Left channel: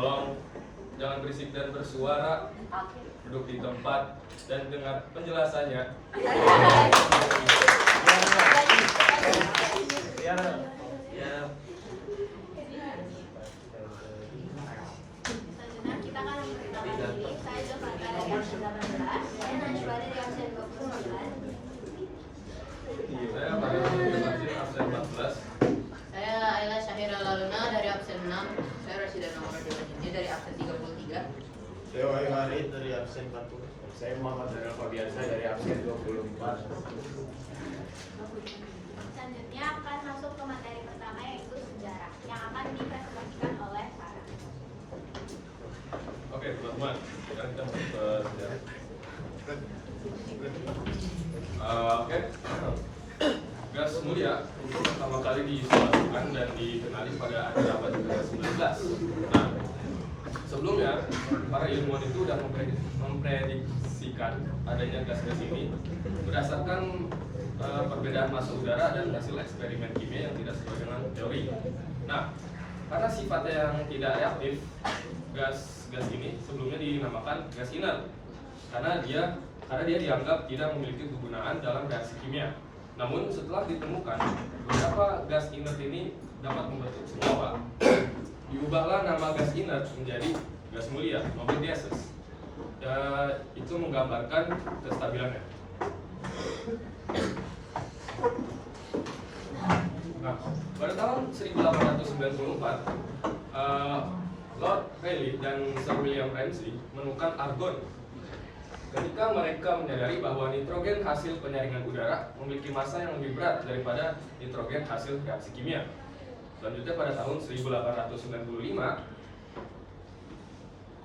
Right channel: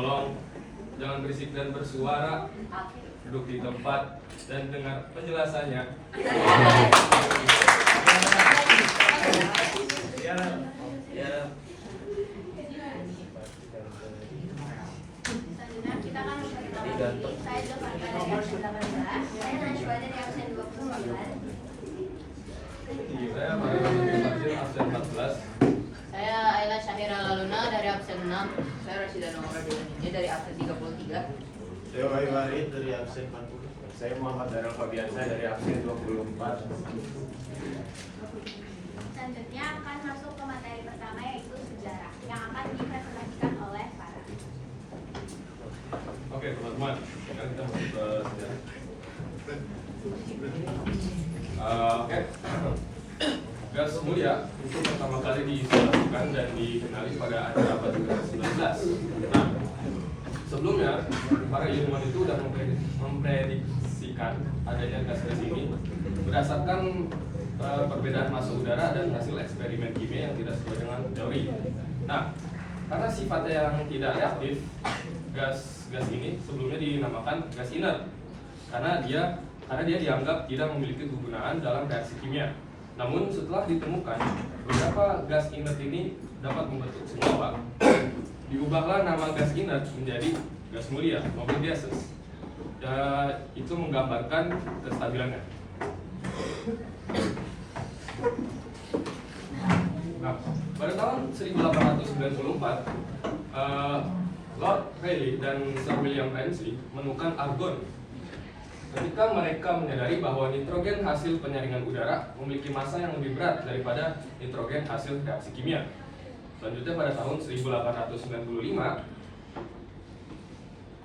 Tolong jangan berisik dan bersuara. Duduk di tempat dan dengar penjelasannya. Ya. Selanjutnya kita akan memperkenalkan diri. Saya Jovanka dari absen 18. Saya Najwa dari absen 29. Saya Mario absen 14. Saya Ayla Syahira Laluna dari absen 6. Saya Rasida Nomor Dewanini dari absen 33. Saya Wahyu Harid dari absen 40. Saya Muhammad Darul Fabiansa dari absen 24. Selanjutnya akan masuk ke materi pertama yaitu sejarah yang akan dipresentasikan oleh Farah. Oke teman-teman, sekarang kita masuk ke sejarah. Oke. Gas mulia itu pertama kali diisolasikan dan dikenali pada akhir abad ke-19. Nah, sebelumnya para ilmuwan itu sudah memprediksikan adanya gas-gas ini berdasarkan perbedaan massa udara dan hasil eksperimen kimia yang tidak sesuai dengan teori. Nah, karena sifatnya yang tidak reaktif, gas ini sebelumnya dinamakan gas inert karena dia dianggap tidak memiliki kegunaan dalam reaksi kimia. Namun setelah ditemukan beberapa gas inert ini dapat membentuk senyawa, diubahlah nama gas inert menjadi gas mulia, noble gases. Dan itu menggambarkan kestabilannya. Nah, pada tahun 1894, Lord Rayleigh dan Sir William Ramsay menemukan argon. Ketika mereka menyadari bahwa nitrogen hasil penyaringan udara memiliki massa yang lebih berat daripada nitrogen hasil reaksi kimia. Selanjutnya pada tahun 1895,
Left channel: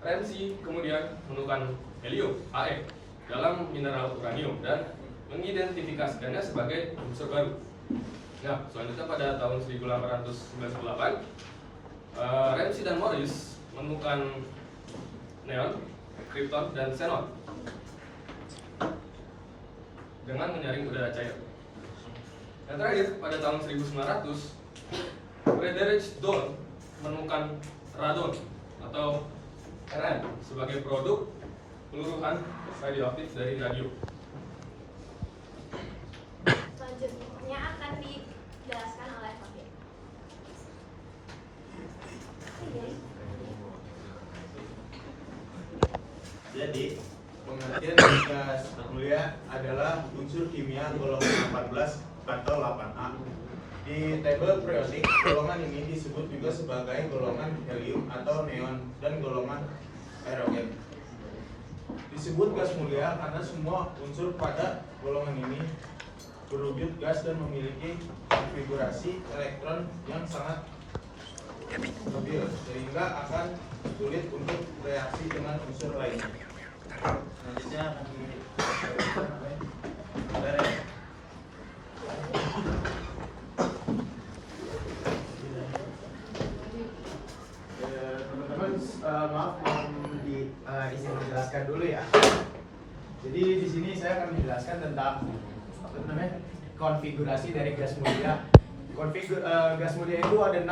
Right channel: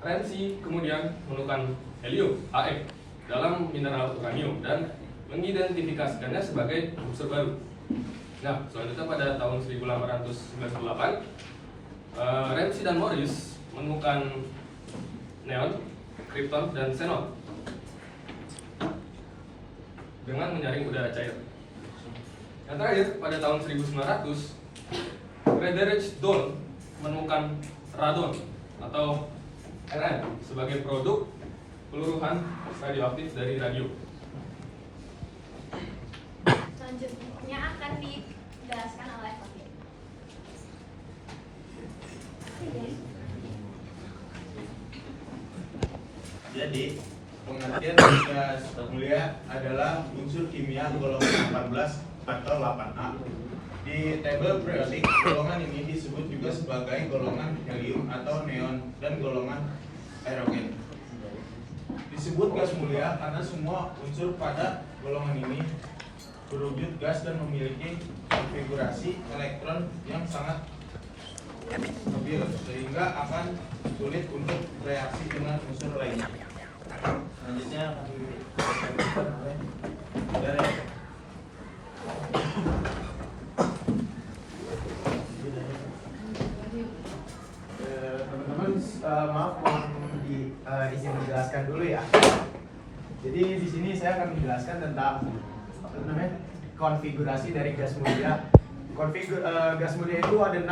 Ramsay kemudian menemukan helium, He, dalam mineral uranium dan mengidentifikasikannya sebagai unsur baru. Nah, selanjutnya pada tahun 1898, Ramsay dan Morris menemukan neon, krypton, dan xenon dengan menyaring udara cair. Yang terakhir, pada tahun 1900, Friedrich Doll menemukan radon atau Rn sebagai produk peluruhan radioaktif dari radium. Selanjutnya akan dijelaskan oleh Fakir. Jadi, pengertian gas mulia adalah unsur kimia golongan 18 atau 8A. Di tabel periodik, golongan ini disebut juga sebagai golongan helium atau neon dan golongan hidrogen. Disebut gas mulia karena semua unsur pada golongan ini berwujud gas dan memiliki konfigurasi elektron yang sangat stabil sehingga akan sulit untuk bereaksi dengan unsur lain. Selanjutnya akan Teman-teman, maaf mohon izin menjelaskan dulu ya. Jadi di sini saya akan menjelaskan tentang apa namanya konfigurasi dari gas mulia. Gas mulia itu ada 6.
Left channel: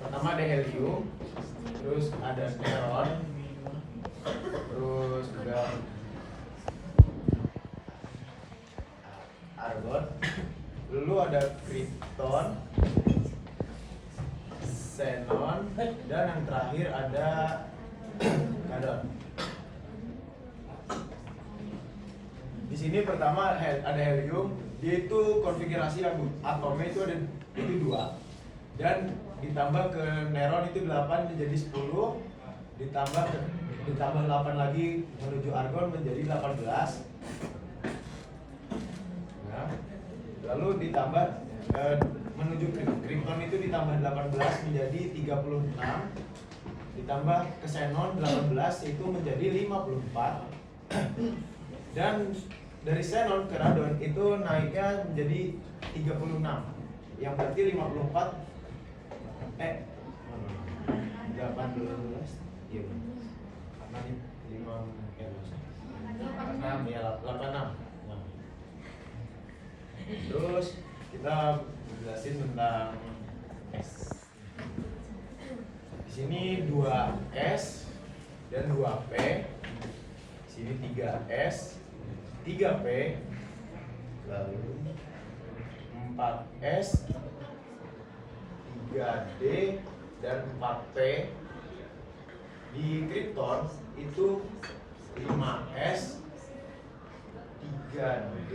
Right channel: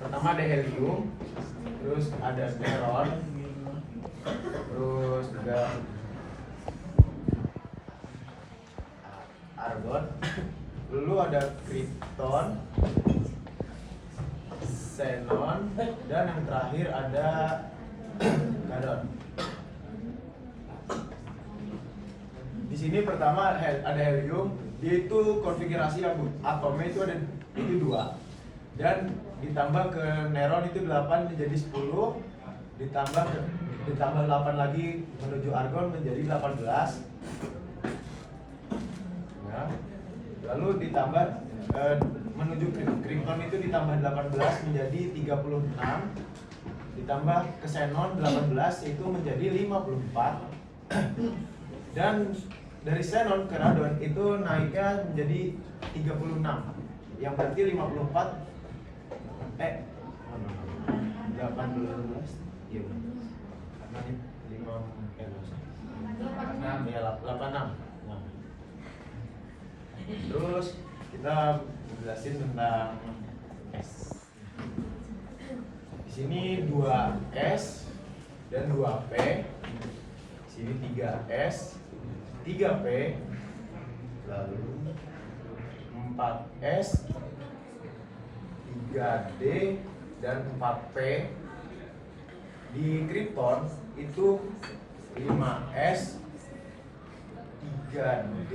Pertama ada helium, terus ada neon, terus juga argon, lalu ada krypton, xenon, dan yang terakhir ada radon. Di sini pertama ada helium, dia itu konfigurasi atomnya itu ada 2 dan ditambah ke neon itu 8 menjadi 10, ditambah 8 lagi menuju argon menjadi 18. Nah, lalu ditambah menuju krypton itu ditambah 18 menjadi 36, ditambah ke xenon 18 itu menjadi 54. Dan dari xenon ke radon itu naiknya menjadi 36, yang berarti 18 iya benar. 86. Terus kita jelasin tentang S. Di sini 2S dan 2P. Di sini 3S, 3P, lalu 4S, 3D dan 4P. Di Krypton itu 5S, 4D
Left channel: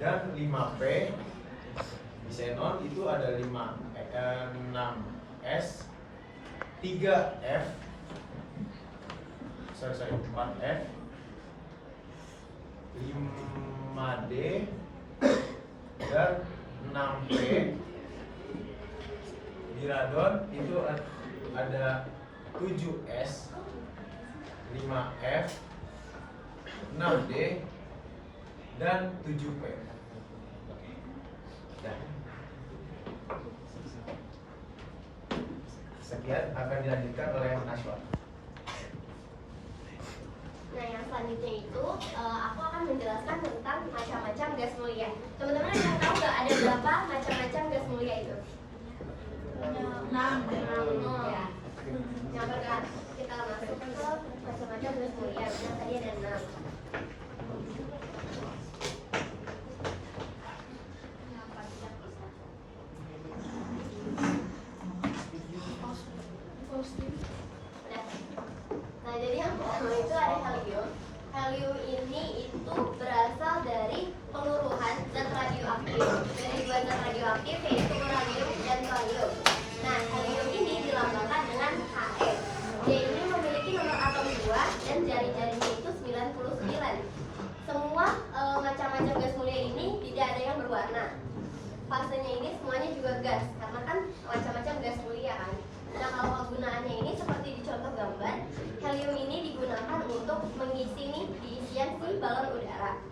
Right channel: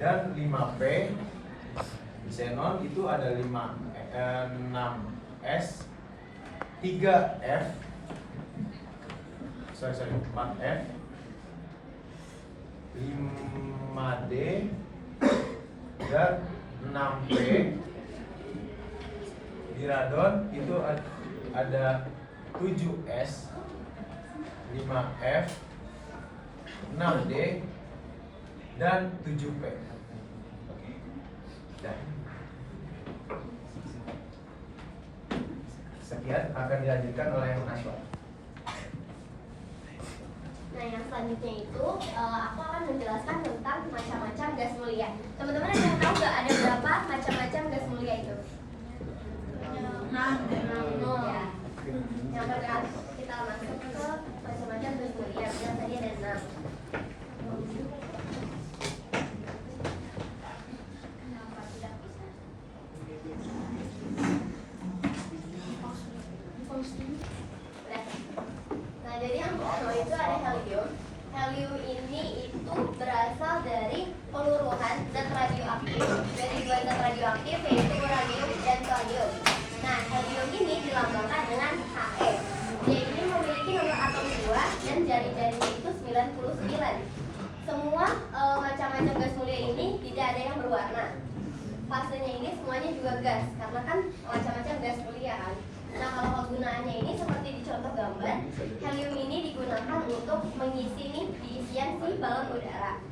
dan 5P. Di Xenon itu ada 6S, 4F ,4F, 5D dan 6P. Di Radon itu ada 7S, 5F, 6D dan 7P. Dan sekian akan dilanjutkan oleh Naswa. Nah, yang selanjutnya itu aku akan menjelaskan tentang macam-macam gas mulia. Teman-teman ada yang tahu nggak ada berapa macam-macam gas mulia itu? 6 ya. Yang pertama kita masuk ke macam-macam gas mulia. Yang tadi ada 6. Nah, jadi yang pertama itu ada helium. Helium ini itu berasal dari peluruhan zat radioaktif dari dua zat radioaktif yaitu uranium dan thorium. Nah, helium ini dilambangkan dengan He. Dia ini memiliki nomor atom 2 dan jari-jarinya itu 99. Semua macam-macam gas mulia ini tidak ada yang berwarna. Fasenya ini semuanya juga gas karena kan macam-macam gas mulia kan. Nah, kalau kegunaannya ini seperti di contoh gambar, helium ini digunakan untuk mengisi nih diisian si balon udara.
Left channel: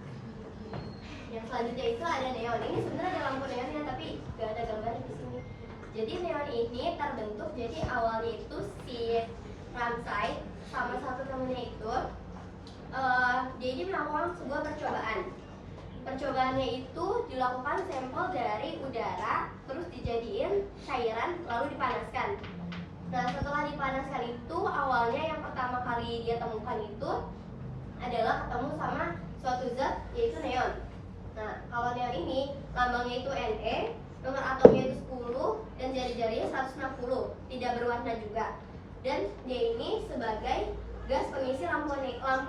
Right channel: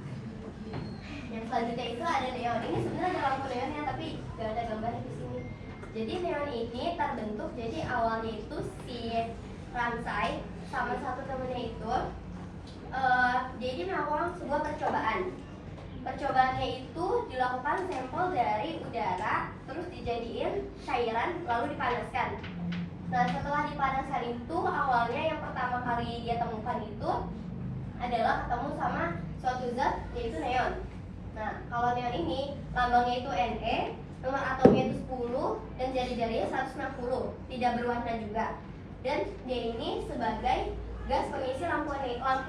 Yang selanjutnya itu ada neon. Ini sebenarnya ada lampu neonnya tapi gak ada gambarnya di sini. Jadi neon ini terbentuk jadi awalnya itu si Ramsay sama satu temennya itu jadi melakukan sebuah percobaan. Percobaannya itu dilakukan sampel dari udara, terus dijadiin cairan, lalu dipanaskan. Nah, setelah dipanaskan itu, awalnya yang pertama kali dia temukan itu adalah ketemu sama suatu zat, yaitu neon. Nah, kalau neon ini, lambangnya itu Ne, nomor atomnya itu 10, dan jari-jarinya 160, tidak berwarna juga. Dan dia ini sebagai gas pengisi lampu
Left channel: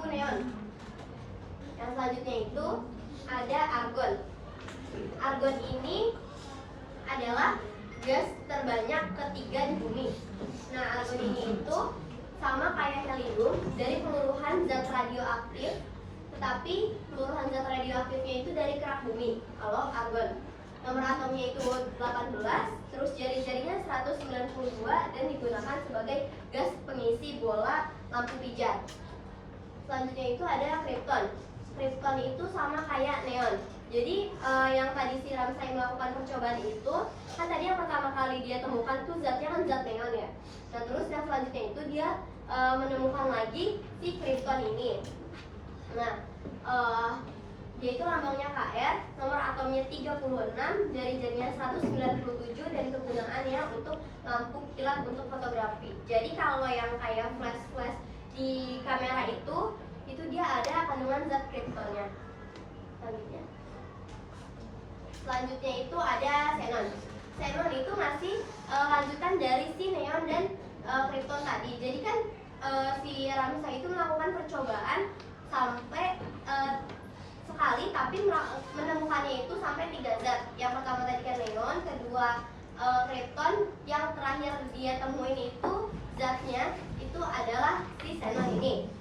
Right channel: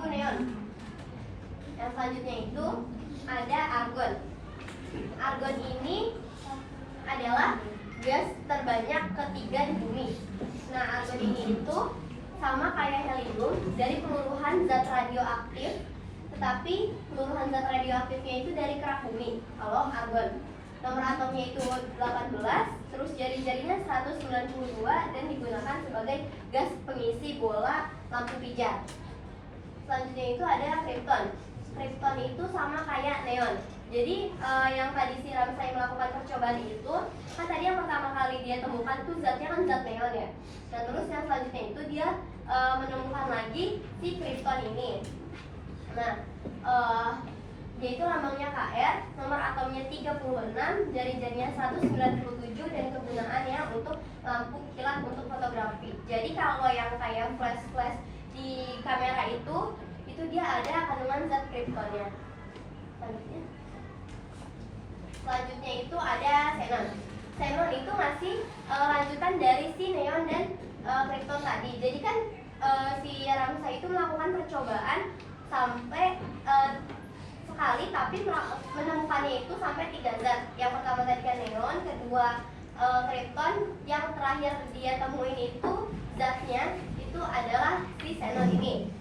neon. Yang selanjutnya itu ada argon. Argon ini adalah gas terbanyak ketiga di bumi. Nah, argon ini itu sama kayak helium dari peluruhan zat radioaktif, tetapi peluruhan zat radioaktifnya itu dari kerak bumi. Kalau argon, nomor atomnya itu 18, terus jari-jarinya 192 dan digunakan sebagai gas pengisi bola lampu pijar. Selanjutnya itu ada krypton. Krypton itu sama kayak neon. Jadi yang tadi si Ramsay melakukan percobaan itu, kan tadi yang pertama kali dia temukan tuh zatnya kan zat neon ya. Nah, terus yang selanjutnya itu dia menemukan lagi si krypton ini. Nah, dia itu lambangnya Kr, nomor atomnya 36, jari-jarinya 197 dan kegunaannya untuk lampu kilat untuk fotografi. Jadi kalau yang kayak flash-flash di kamera itu dia ada kandungan zat kryptonnya. Selanjutnya itu ada xenon. Xenon itu masih lanjutan dari si neon dan krypton tadi. Jadi kan si Ramsay itu melakukan percobaan sampai sekali, tapi menemukannya itu sampai 3 zat. Yang pertama tadi kan neon, kedua krypton, yang terakhir dia temuin itu zatnya itu adalah si xenon ini.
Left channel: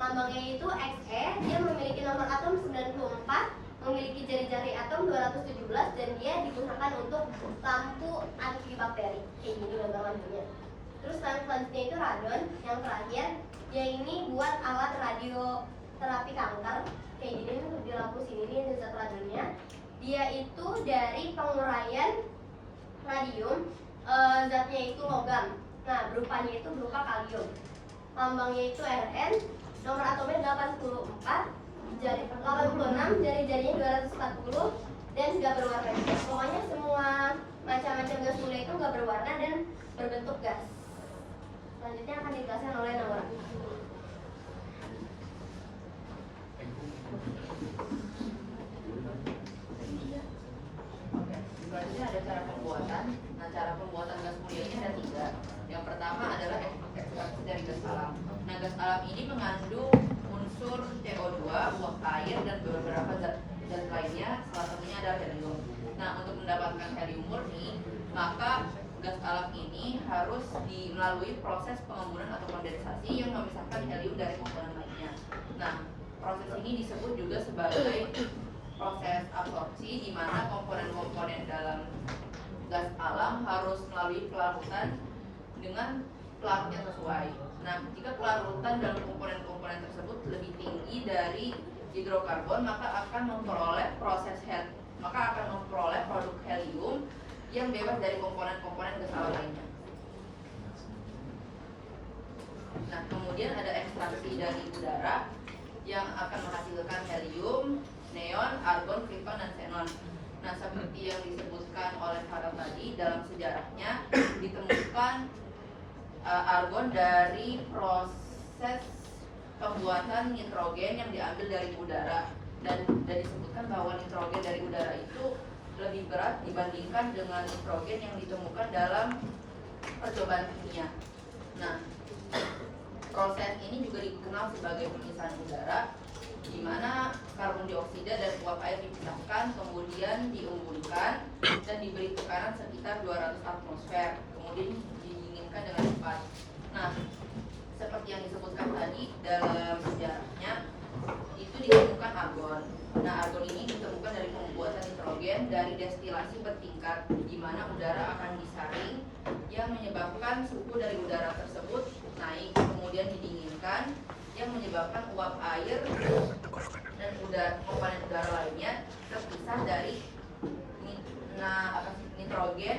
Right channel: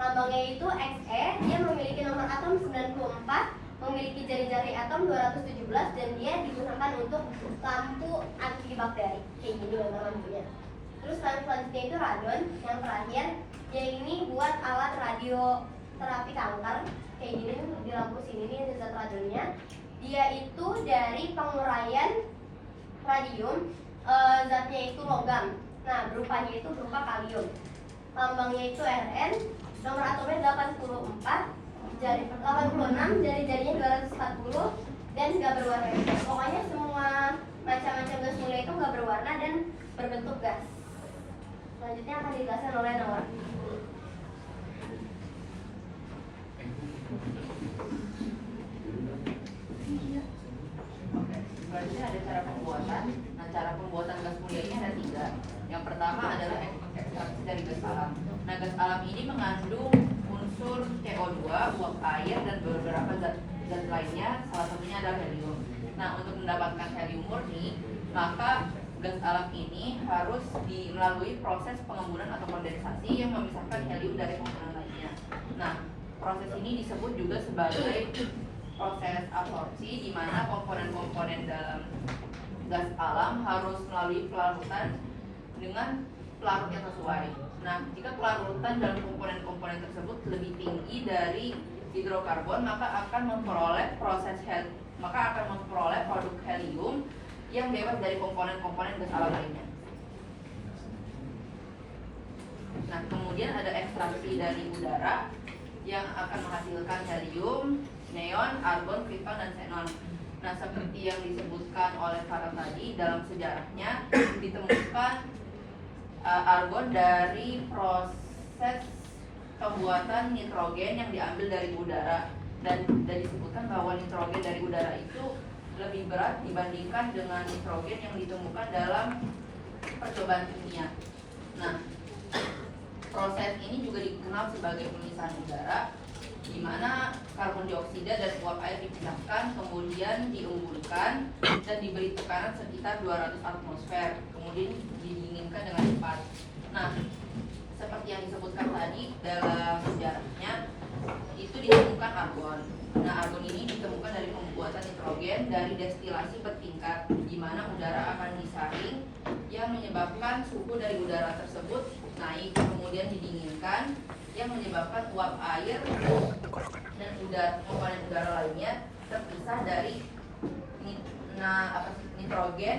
Lambangnya itu Xe, dia memiliki nomor atom 94, memiliki jari-jari atom 217 dan dia digunakan untuk lampu antibakteri. Kayak gini lambang lampunya. Terus selanjutnya itu radon, yang terakhir dia ini buat alat radioterapi kanker. Kayak gini di lampu sini nih zat radonnya. Dia itu dari penguraian radium, zatnya itu logam. Nah, berupanya itu berupa kalium. Lambangnya itu Rn, nomor atomnya 86, jari-jarinya 240, dan nggak berwarna. Pokoknya semua macam-macam gas mulia itu nggak berwarna dan berbentuk gas. Selanjutnya akan dijelaskan oleh Naura. Selanjutnya ada cara pembuatan. Nah, cara pembuatan gas mulia ini ada 3. Yang pertama adalah ekstraksi dari gas alam. Nah, gas alam ini mengandung unsur CO2, uap air, dan beberapa zat lainnya. Salah satunya adalah helium. Nah, untuk mendapatkan helium murni, maka gas alam ini harus melalui proses pengembunan atau kondensasi yang memisahkan helium dari komponen lainnya. Nah, proses ini disebut juga sebagai proses absorpsi, di mana komponen-komponen dalam gas alam harus melalui pelarutan dengan pelarut yang sesuai. Nah, jika pelarutan dalam komponen-komponen tersebut lebih tinggi dari hidrokarbon, maka akan memperoleh produk helium yang bebas dari komponen-komponen gas alam lainnya. Nah, kemudian ada ekstraksi dari udara yang akan menghasilkan helium, neon, argon, krypton, dan xenon. Nah, seperti yang disebutkan oleh Farah tadi, dalam sejarahnya ditemukan argon dari proses pembuatan nitrogen yang diambil dari udara, dan disebutkan bahwa nitrogen dari udara itu lebih berat dibandingkan dengan nitrogen yang ditemukan dalam percobaan kimia. Nah, proses ini juga dikenal sebagai pemisahan udara, di mana karbon dioksida dan uap air dipisahkan, kemudian diembulkan dan diberi tekanan sekitar 200 atmosfer, kemudian didinginkan dengan cepat. Nah, seperti yang disebutkan tadi dalam sejarahnya, itu ditemukan argon. Nah, argon ini ditemukan dari pembuatan nitrogen dari destilasi bertingkat, di mana udara akan disaring yang menyebabkan suhu dari udara tersebut naik, kemudian didinginkan yang menyebabkan uap air dan komponen udara lainnya terpisah dari nitrogen,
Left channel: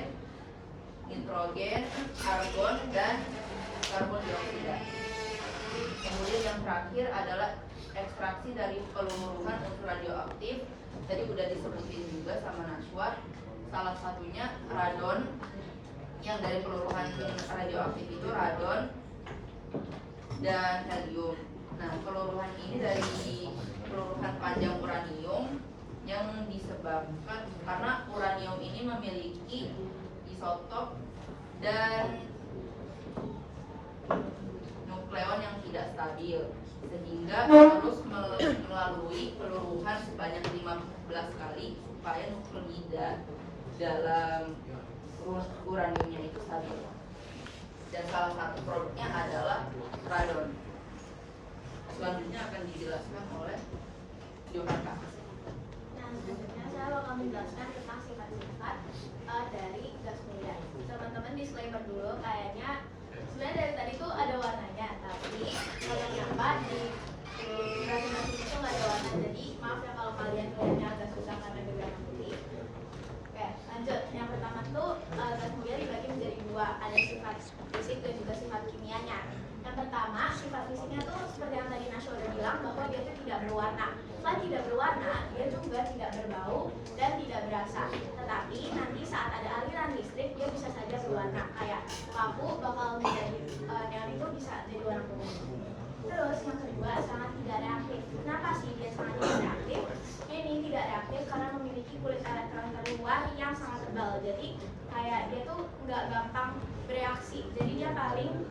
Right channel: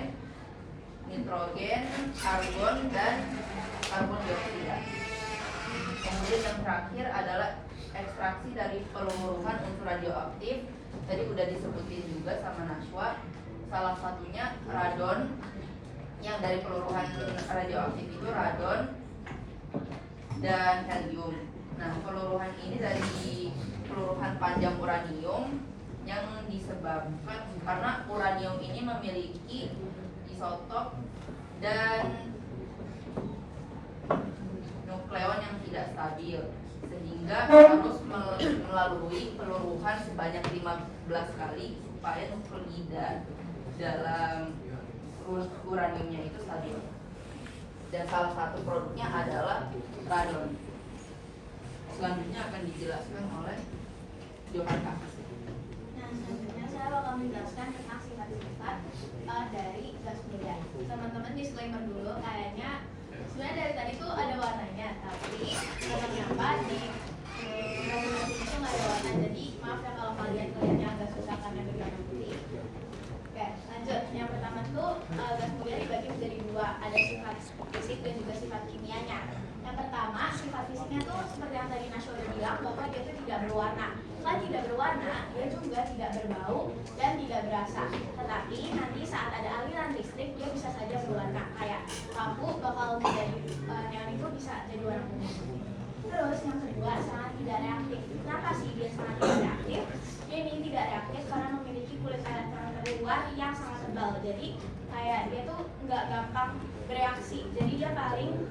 argon, dan karbon dioksida. Kemudian yang terakhir adalah ekstraksi dari peluruhan unsur radioaktif. Tadi udah disebutin juga sama Najwa, salah satunya radon. Yang dari peluruhan radioaktif itu radon dan helium. Nah, peluruhan ini dari peluruhan panjang uranium yang disebabkan karena uranium ini memiliki isotop dan nukleon yang tidak stabil, sehingga harus melalui peluruhan sebanyak 15 kali supaya nuklida dalam uraniumnya itu stabil. Dan salah satu produknya adalah radon. Selanjutnya akan dijelaskan oleh Johanka. Nah, selanjutnya saya bakal menjelaskan tentang sifat-sifat dari gas mulia. Teman-teman disclaimer dulu, kayaknya sebenarnya dari tadi tuh ada warnanya, tapi kenapa di gas itu nggak ada warna. Jadi maaf ya kalau kalian kelihatannya agak susah karena di warna putih. Oke, lanjut. Yang pertama tuh gas mulia dibagi menjadi 2, ada sifat fisik dan juga sifat kimianya. Yang pertama, sifat fisiknya tuh seperti yang tadi Nasya udah bilang, bahwa dia tuh tidak berwarna. Selain tidak berwarna, dia juga tidak berbau dan tidak berasa. Tetapi nanti saat ada aliran listrik, dia bisa saja berwarna. Kayak lampu bakal menjadi neon itu bisa jadi warna kuning. Terus yang kedua, sangat tidak reaktif. Kenapa sih dia sangat tidak reaktif? Dia ini tidak reaktif karena memiliki kulit elektron terluar yang sangat tebal. Jadi kayak dia tuh nggak gampang bereaksi. Jadi dia paling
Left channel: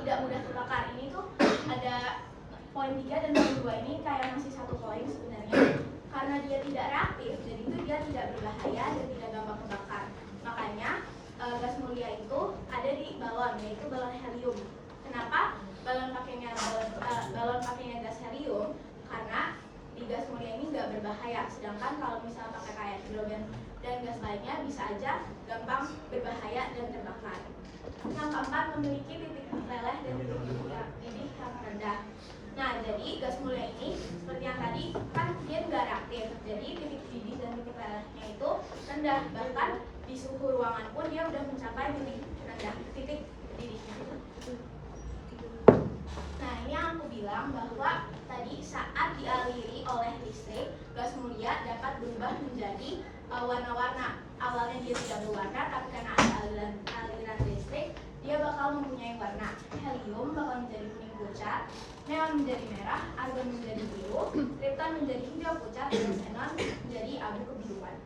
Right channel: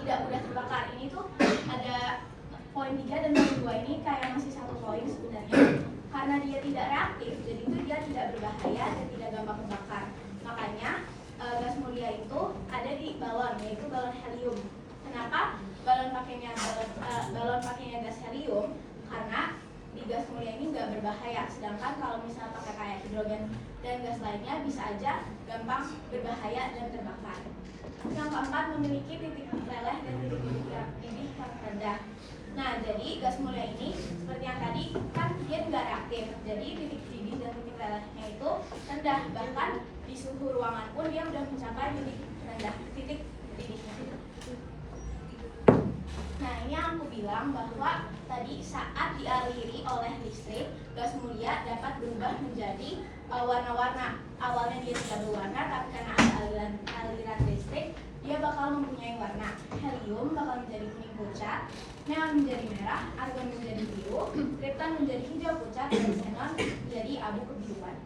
tidak mudah terbakar. Ini tuh ada poin 3 dan poin 2 ini kayak masih satu poin sebenarnya. Karena dia tidak reaktif, jadi itu dia tidak berbahaya dan tidak gampang terbakar. Makanya gas mulia itu ada di balon, yaitu balon helium. Kenapa balon pakainya gas helium? Karena di gas mulia ini nggak berbahaya. Sedangkan kalau misalnya pakai kayak hidrogen dan gas lainnya bisa aja gampang berbahaya dan terbakar. Yang keempat, memiliki titik meleleh dan titik didih yang rendah. Nah, jadi gas mulia ini seperti yang tadi kan dia nggak reaktif. Jadi titik didih dan titik lelehnya itu rendah. Bahkan di suhu ruangan pun dia udah mencapai titik didihnya. Nah, ini yang aku bilang bahwa tadi saat dialiri oleh listrik, gas mulia dapat berubah menjadi warna-warna. Awalnya dia tidak berwarna, tapi karena ada aliran listrik, dia bakal mempunyai warna. Helium bakal menjadi kuning pucat, neon menjadi merah, argon menjadi biru, kripton menjadi hijau pucat, dan xenon menjadi abu kebiruan.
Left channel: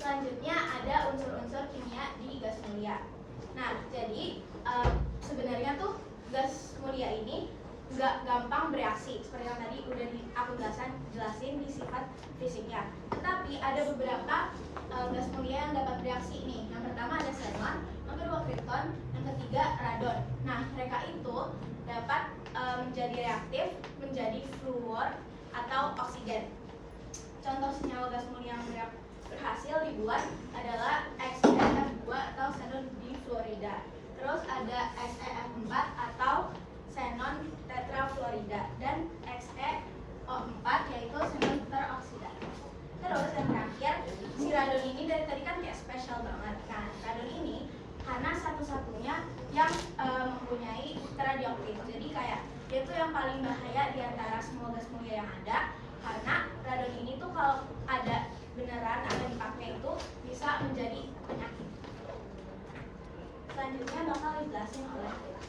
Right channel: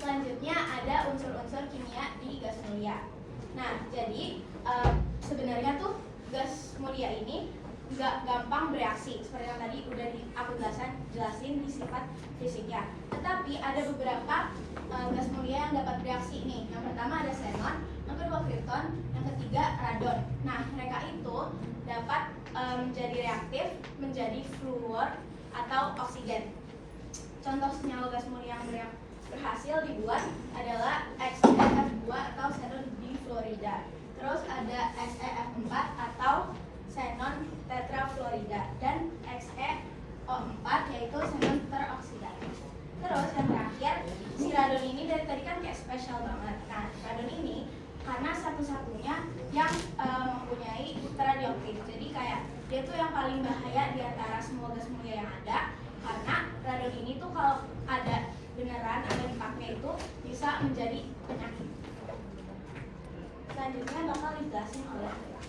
Selanjutnya ada unsur-unsur kimia di gas mulia. Nah, jadi sebenarnya tuh gas mulia ini nggak gampang bereaksi seperti yang tadi udah aku jelasin di sifat fisiknya. Tetapi ada beberapa gas mulia yang dapat bereaksi nih. Yang pertama ada xenon, yang kedua kripton, yang ketiga radon. Nah, mereka itu dapat menjadi reaktif menjadi fluor atau oksigen. Contoh senyawa gas mulia yang berhasil dibuat adalah XeF2 atau xenon difluorida. Terus ada XeF4 atau xenon tetrafluorida dan XeO4 yaitu xenon peroksida. Terus yang terakhir, si radon ini dari tadi kan kayak spesial banget. Nah, radon ini karena satu-satunya yang mempunyai radioaktif. Jadi kayak dia tuh yang paling bahaya di antara semua gas mulia yang ada, karena radon ini tuh kalau ada beneran atau dipakai itu bisa menjadi penyakit. Selanjutnya bakal dijelasin oleh Lila.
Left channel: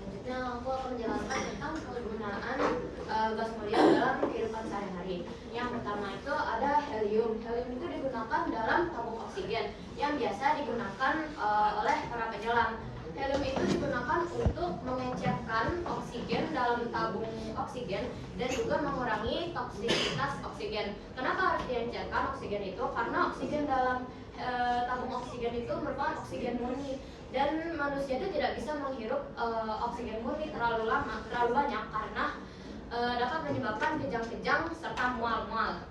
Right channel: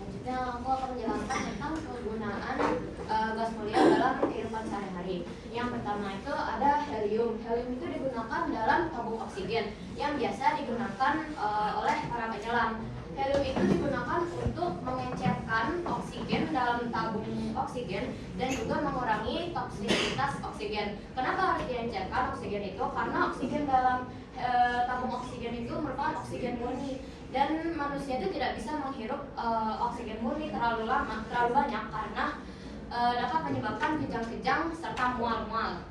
Selanjutnya aku akan menjelaskan tentang penggunaan gas mulia dalam kehidupan sehari-hari. Yang pertama itu ada helium. Helium itu digunakan dalam tabung oksigen yang biasa digunakan oleh para penyelam. Helium itu digunakan untuk mengencerkan oksigen dalam tabung oksigen dan juga mengurangi toksisitas oksigen. Kenapa harus diencerkan oksigen itu? Karena oksigen dalam tabung oksigen itu merupakan oksigen murni dan manusia itu tidak bisa menghirup oksigen murni terlalu banyak karena dapat menyebabkan kejang-kejang serta mual-mual.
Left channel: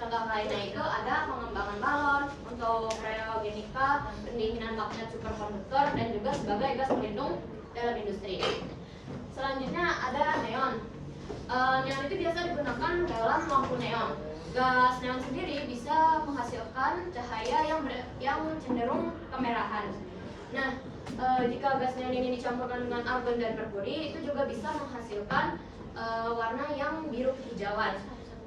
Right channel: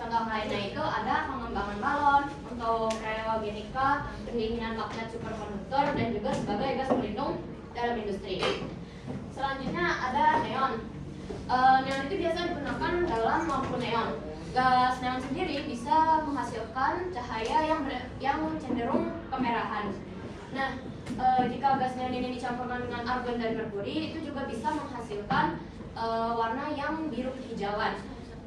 Contoh lainnya itu ada pengembangan balon untuk kriogenika, pendinginan magnet superkonduktor, dan juga sebagai gas pelindung dalam industri. Selanjutnya ada neon. Neon itu biasa digunakan dalam lampu neon. Gas neon sendiri bisa menghasilkan cahaya yang cenderung kemerahan. Nah, jika gas neon ini dicampurkan dengan argon dan merkuri, itu juga bisa menghasilkan warna yang biru kehijauan.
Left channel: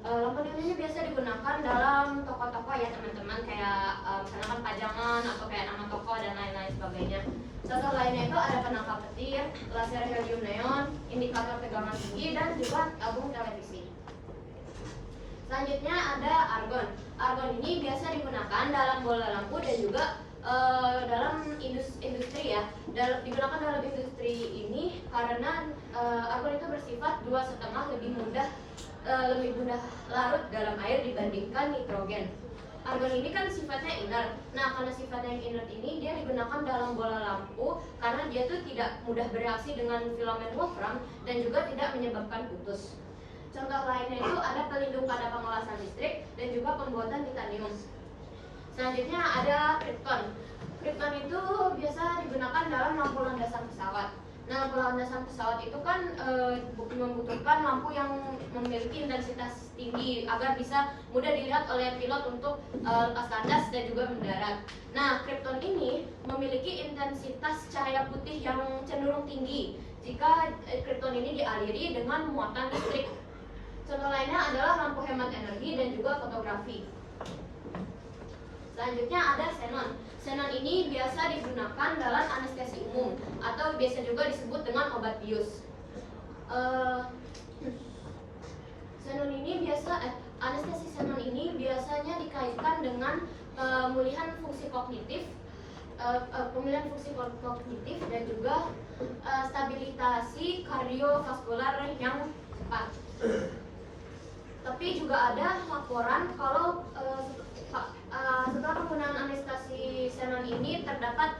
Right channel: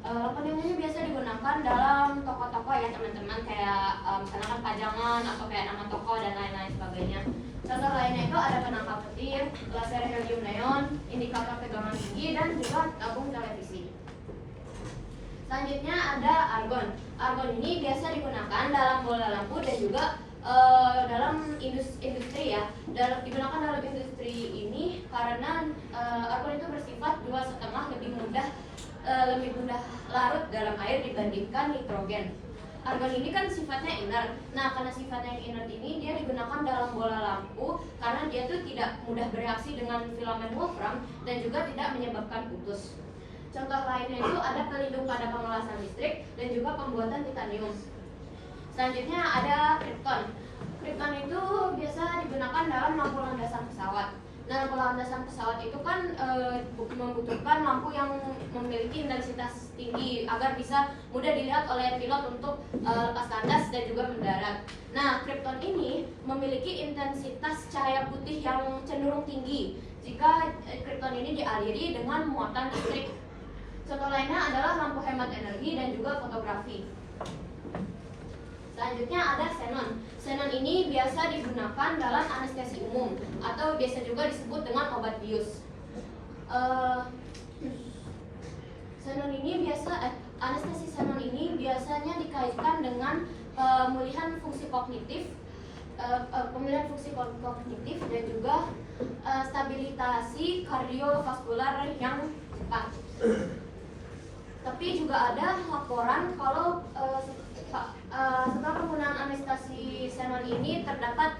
Lampu neon ini biasa digunakan dalam toko-toko ya teman-teman, kayak misalkan pajangan atau kayak nama toko dan lain-lain sebagainya. Contoh lainnya itu ada penangkap petir, laser helium neon, indikator tegangan tinggi, dan juga tabung televisi. Selanjutnya ada argon. Argon ini biasa digunakan dalam bola lampu dan juga dalam industri ya. Digunakan dalam industri ini karena argon itu bersifat 2,5 lebih mudah larut dalam air dibandingkan nitrogen. Argon ini kan sifatnya inert. Nah, karena sifatnya yang inert ini dia digunakan dalam bola lampu karena dia tuh tidak mudah bereaksi dengan filamen wolfram dan juga tidak menyebabkan putus. Contoh lainnya itu ada pelindung pada pengelasan listrik dan juga pembuatan titanium. Selanjutnya ada kripton. Kripton itu biasa digunakan dalam lampu landasan pesawat. Nah, lampu landasan pesawat itu kan membutuhkan lampu yang memiliki intensitas tinggi agar bisa mudah dilihat oleh pilot untuk lepas landas dan juga mendarat. Nah, kripton ini memiliki intensitas cahaya putih yang cenderung tinggi jika kripton ini dialiri dengan muatan listrik. Contoh lainnya adalah lampu hemat energi dan juga fotografi. Selanjutnya ada xenon. Xenon ini biasa digunakan dalam anestesi umum atau biasa juga disebut dengan obat bius. Anestesi xenon ini biasanya dikaitkan dengan pemulihan fungsi kognitif, dan juga stabilisasi kardiovaskular yang cepat. Tapi juga ada laporan kalau setelah penggunaan anestesi xenon ini terdapat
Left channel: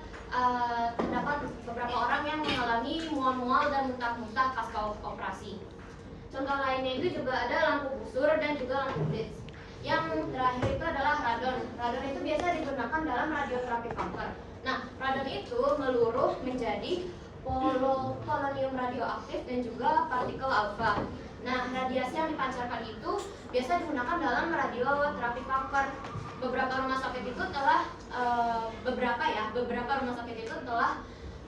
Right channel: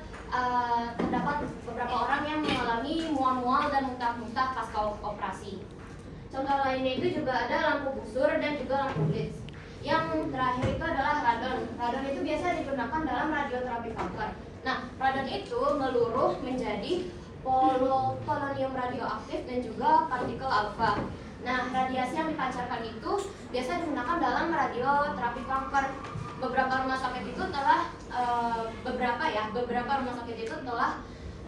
beberapa orang yang mengalami mual-mual dan muntah-muntah pasca operasi. Contoh lainnya itu juga ada lampu busur dan juga lampu blitz. Yang terakhir itu adalah radon. Radon itu biasa digunakan dalam radioterapi kanker. Nah, radon itu meluruh menjadi polonium radioaktif dan juga partikel alfa. Nah, radiasi yang dipancarkan itu biasa digunakan dalam radioterapi kanker. Beberapa rumah sakit itu telah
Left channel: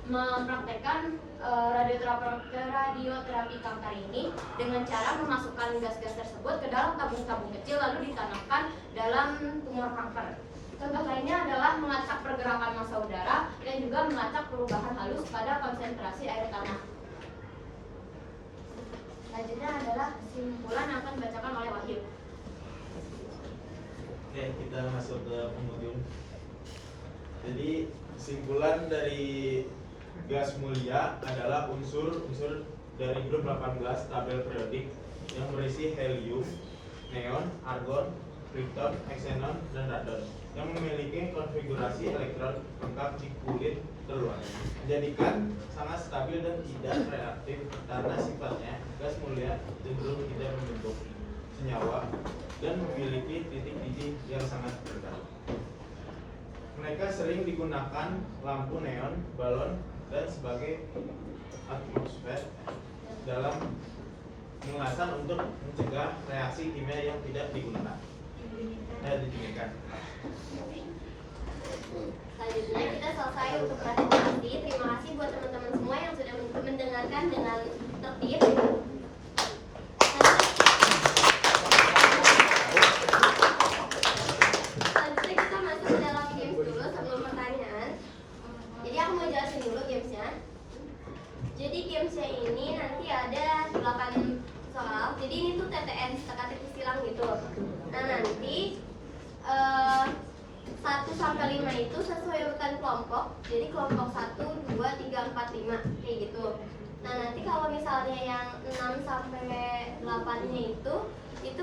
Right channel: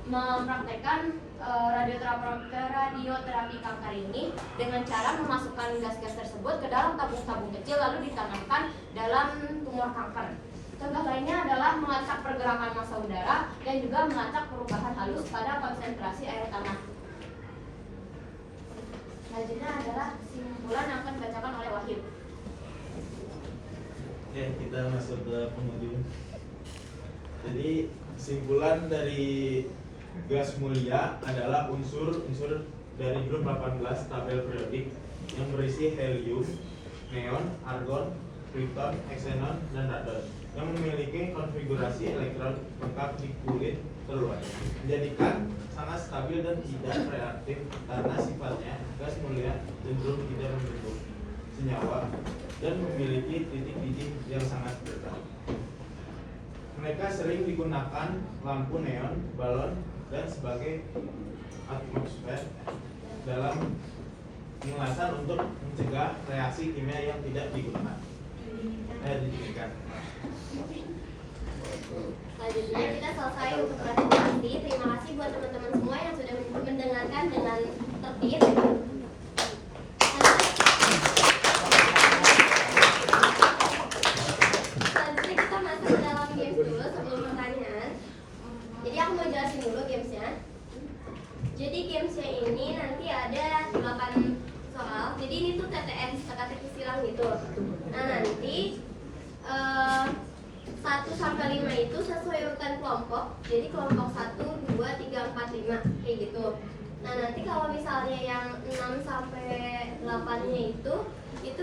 mempraktekkan radioterapi kanker ini dengan cara memasukkan gas-gas tersebut ke dalam tabung-tabung kecil lalu ditanamkan dalam tumor kanker. Contoh lainnya adalah melacak pergerakan massa udara dan juga melacak perubahan halus pada konsentrasi air tanah. Selanjutnya adalah kesimpulan yang akan dibacakan oleh Wahyu. Oke, kita masuk ke penghujung. Jadi kesimpulan dari gas mulia adalah unsur-unsur dari grup 18 tabel periodik yang berisi helium, neon, argon, krypton, xenon, dan radon yang memiliki konfigurasi elektron lengkap di kulit terluar, menjadikan sangat stabil dan tidak reaktif karena sifatnya gas mulia cenderung tidak membentuk senyawa dan memiliki titik biji yang sangat bergerak. Mereka sering digunakan lampu neon, balon, dan sebagai atmosfer dalam pengelasan untuk mencegah reaksi kimia yang tidak digunakan. Digunakan. Selanjutnya kita selesai untuk presentasi. Terima kasih buat teman-teman semua yang sudah mendengarkan dengan tertib. Selanjutnya kita masuk ke dalam games dulu sebelum pertanyaan. Jadi aku mau jelasin dulu gamesnya. Jadi gamesnya ini nanti ada 8 soal. Jadi ini tuh TTS, teka-teki silang gitu. Nah nanti 1 sampai 5 itu sesuai urutan kelompok. Jadi kelompok 1, 2, 3, 4, 5 kayak gitu. Nah nanti kalau misalnya yang 6 sampai 8-nya itu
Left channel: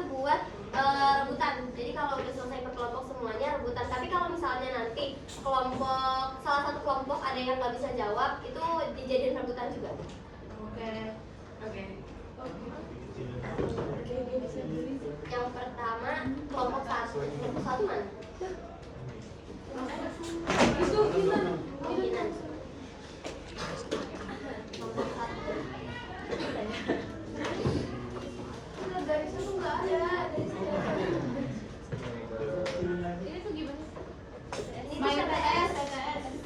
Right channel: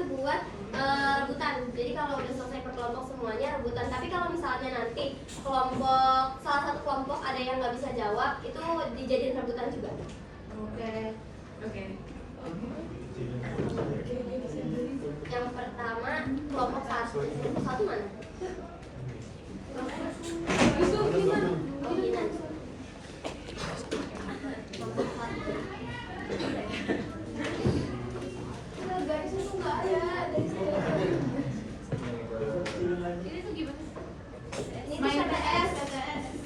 buat rebutan. Jadi kalau udah selesai per kelompok semuanya rebutan. Tapi kalau misalnya nanti salah satu kelompok ada yang nggak bisa jawab, itu dijadiin rebutan juga. Oke. Yang pertama kelompok 1. Kelompok 1 mana? Itu Kinan. Oh Kinan. Kelompok 1. Garisnya tuh nggak ada. Ini tuh gimana? Ini tuh TTS.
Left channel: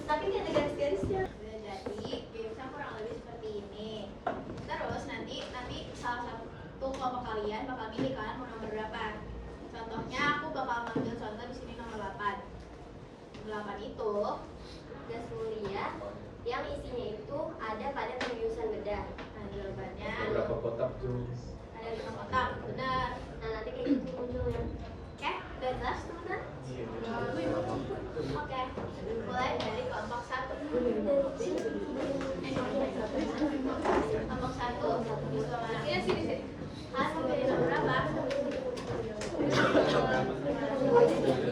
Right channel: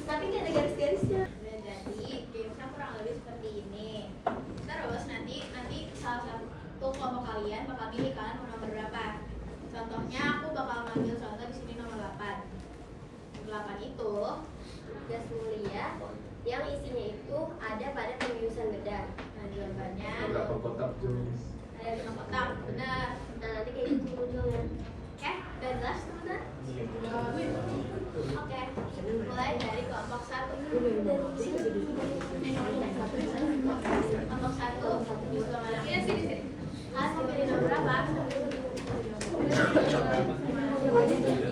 Tapi nggak ada garis-garisnya. Jadi gamesnya kurang lebih seperti ini. Terus nanti salah satu kelompok kalian bakal pilih kalian mau nomor berapa. Contohnya aku bakal ngambil contoh di sini nomor 8. 8 itu Gas mulia yang isinya itu ada pada pembiusan bedah. nah jawabannya Berapa kotak tuh? ada 5 kotak, benar. Nah nanti kayak gitu ujungnya. Oke, udah jelas teman-teman? Oke, mulai dari kelompok 1. Kelompok 1 ini sini. Kalian mau pilih nomor berapa?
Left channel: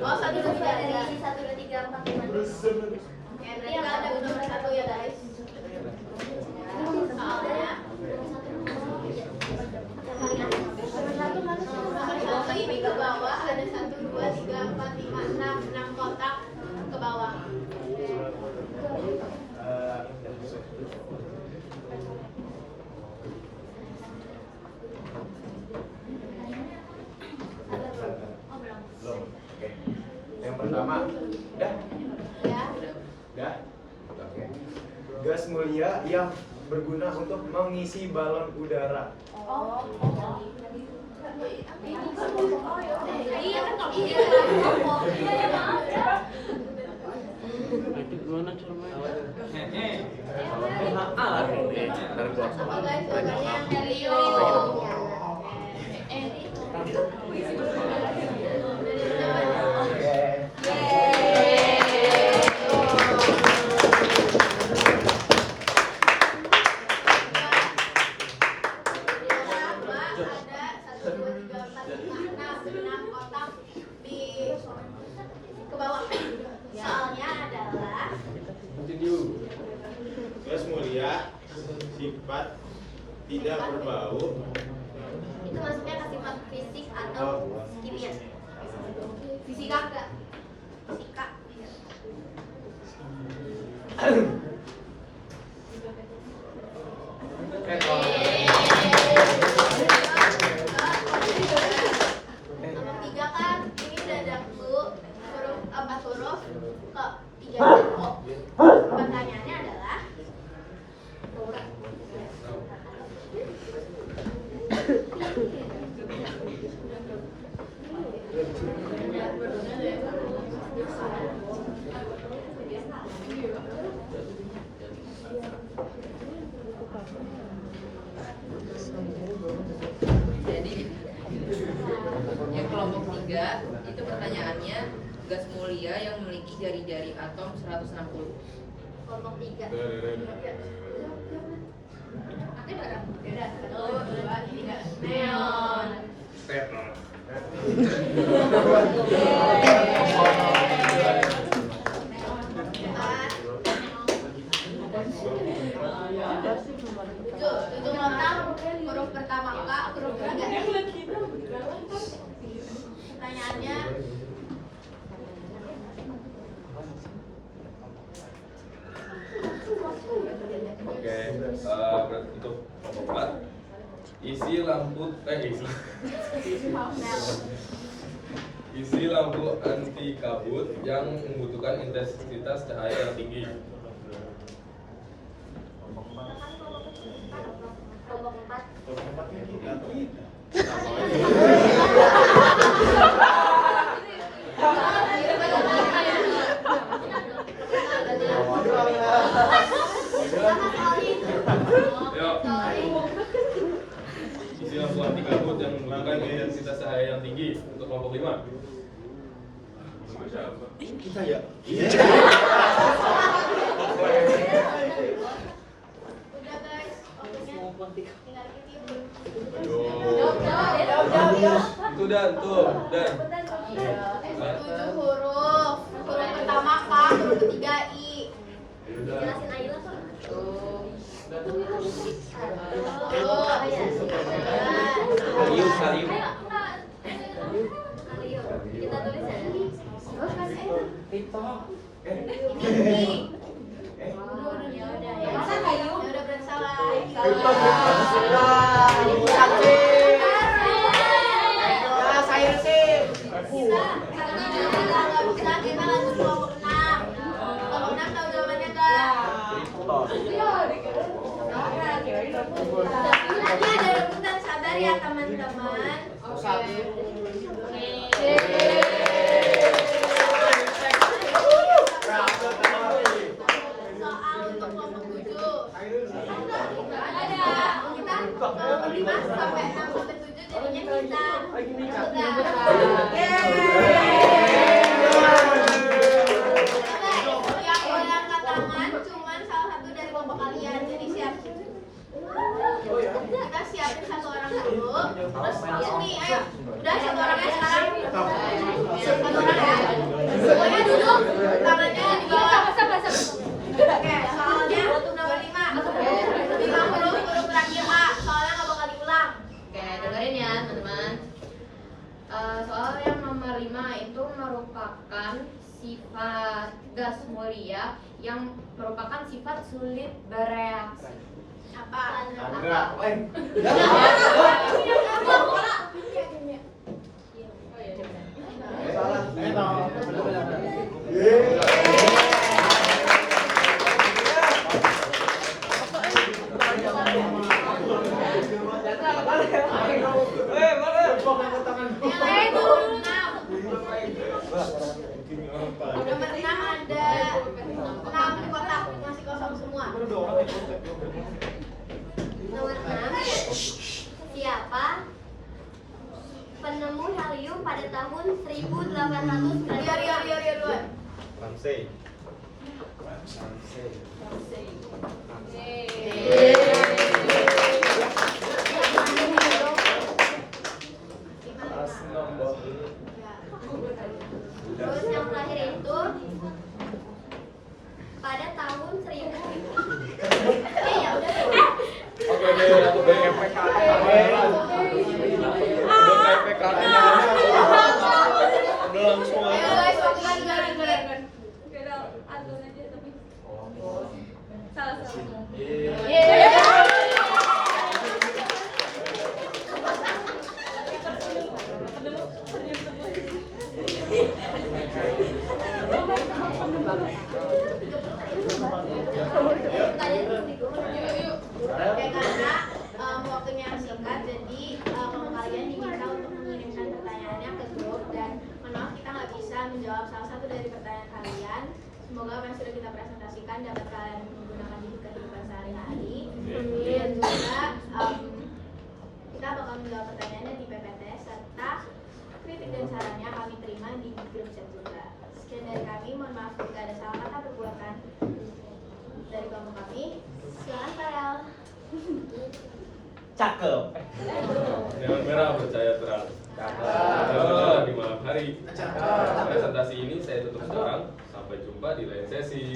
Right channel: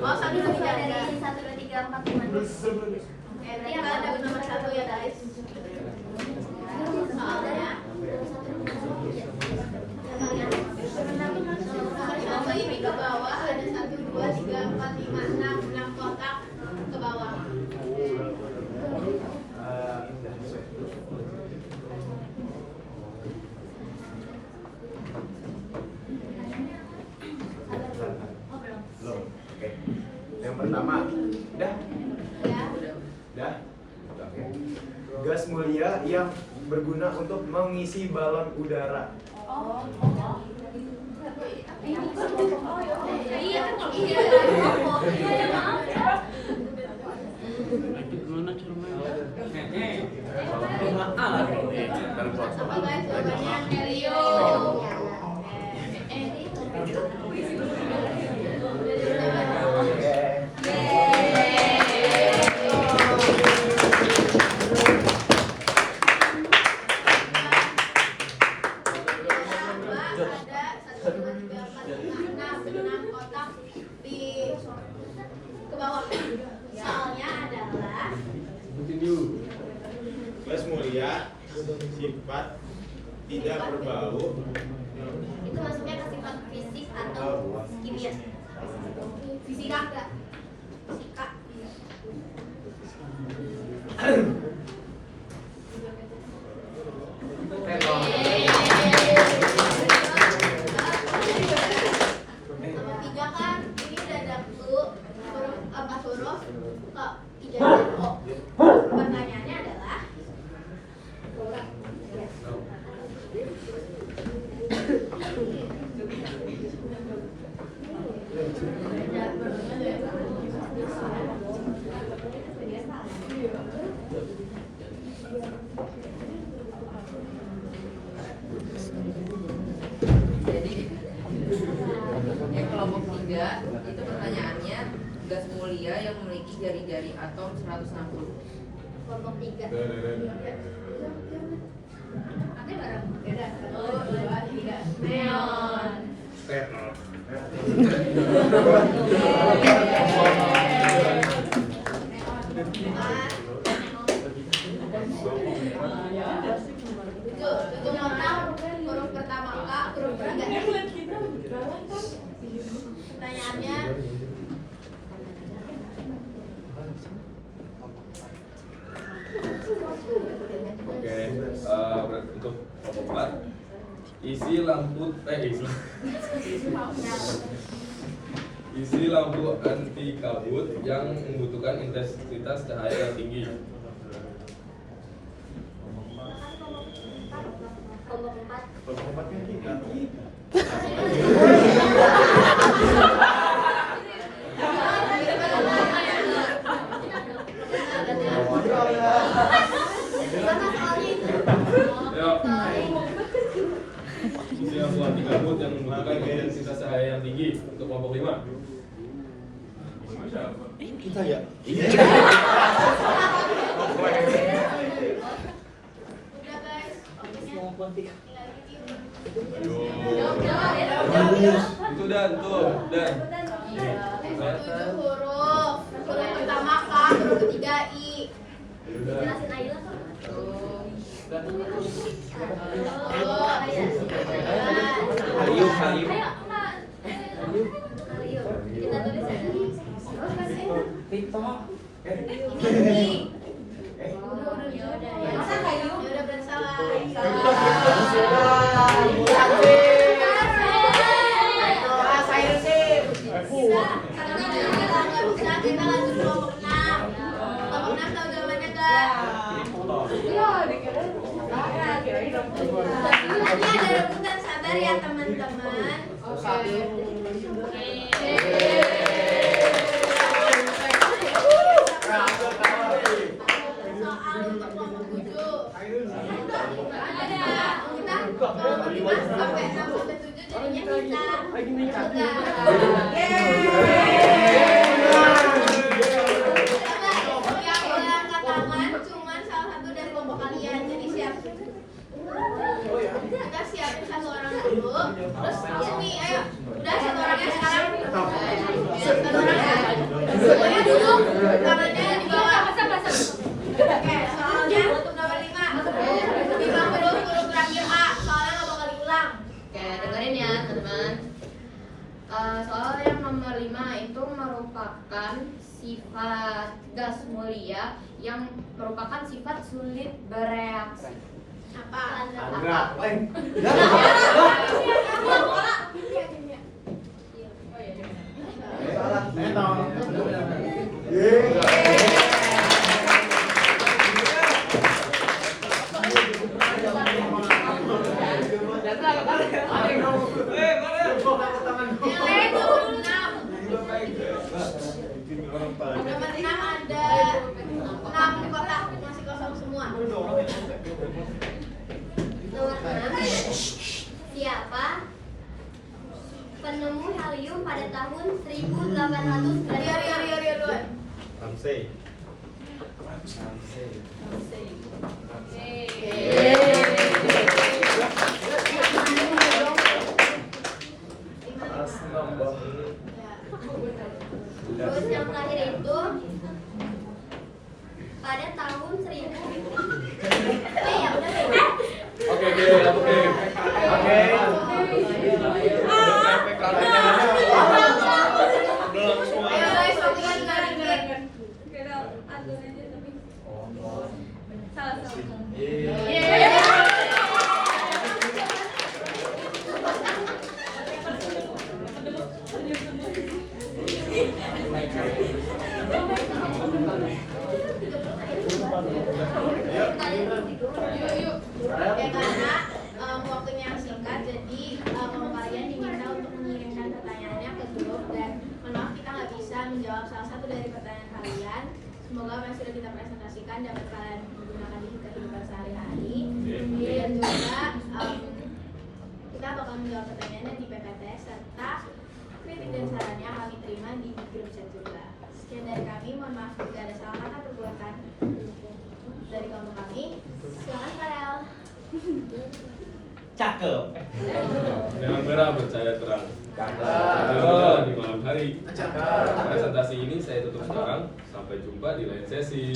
Oh, 1, 2, 3 Dari 1, 2, 3, 4, 5. Oke, berarti kalian ada nomor 1 ya guys. Soalnya nomor 1 ini ke bawah ada 1, 2, 3, 4, 5, 6 kotak ke bawah. Oh, belum. Belum. Oke. Yang pertama, udah? Ya. Udah? Oke. Gas mulia yang berguna untuk mengisi balon udara. Oh. Iya kan kalau ini Coba guys, jawabannya helium. Gas mulia sifat tidak berbau. Itu maksudnya ke sifat fisik atau kimia. Fisika enggak? Fisika. Nomor 3 kan ini udah ada huruf 4 huruf kok 3 O. Pertanyaannya adalah Jadi yang kelompok 3 itu pertanyaannya gas mulia yang memiliki jari-jari atom 160. Kelompok 3. Nanti bareng. Beda. 1, 2, 3. Neon. Step. Tujuh notang huruf pertama K, huruf 3. Pertanyaannya Oke, berarti untuk kelompok 4 isi lampu anti kabut yang membutuhkan intensitas cahaya yang tinggi. Kelompok 4. Ya. Isi lampu anti kabut yang membutuhkan intensitas cahaya yang tinggi untuk kelompok 5. Kita ya. udah guys. Itu dan tuh dan. 7 huruf. Huruf pertama K, huruf ketiga I. Jelasin aja lah. Kayu, kayu. Ayo, enggak. Ayo, kita tulis ya. Masa kayu? Udah bersalah. Kita lanjut kelompok 6. Kelompok 6 tahu jawabannya enggak? Nanti ada rebutan, sabar ya teman-teman. Soal untuk kelompok 7. Ada. Kita kelompok 5 sampai 6 sampai 7 jadinya kita. Yang boleh angkat tangan cuman salah satu dari kelompok kalian. Jadi siap. Kita siapin satu orang dulu. Terus Umi, ayo. Udah satu orangnya sekarang. Satu orang ya. Semuanya duduk. Tangannya di bawah. Oke, soalnya untuk nomor 5. 5 huruf terakhir A. Soalnya nggak bakal diulang. Oke, dengerin ya teman-teman. Soal yang nomor 5 itu merupakan sifat gas mulia yang merupakan sifat sulit bereaksi. Apa? Yang lain nomor 6. Nomor 6 ada 6 kotak masih kosong semua. Nomor 6. Siapa penemu helium pada tahun 1800? Rio dulu. Ramsey. Terus yang terakhir itu pada tahun 1000. Ya udah. Ayo guys, waktu lagi garing. Waktunya singkat, jadi kalau kalian diminta untuk mengirimkan pertanyaannya ke grup dan akan menjawab salah satu dari pertanyaan kalian. Semoga apa yang sudah kita presentasikan dapat kalian gunakan di kehidupan sehari-hari. Dan juga kita bakal menjawab pertanyaannya di PPT serta kritik dan sarannya kami terima di grup chat juga. Sekian dari kami, mohon maaf jika ada salah kata perbuatan dari kelompok kami. Silakan Karel. Cakep. Neon merah bercahaya terang. Terang di malam hari. Presentasi ini saya tutup sekarang. Sampai jumpa di lain sesi.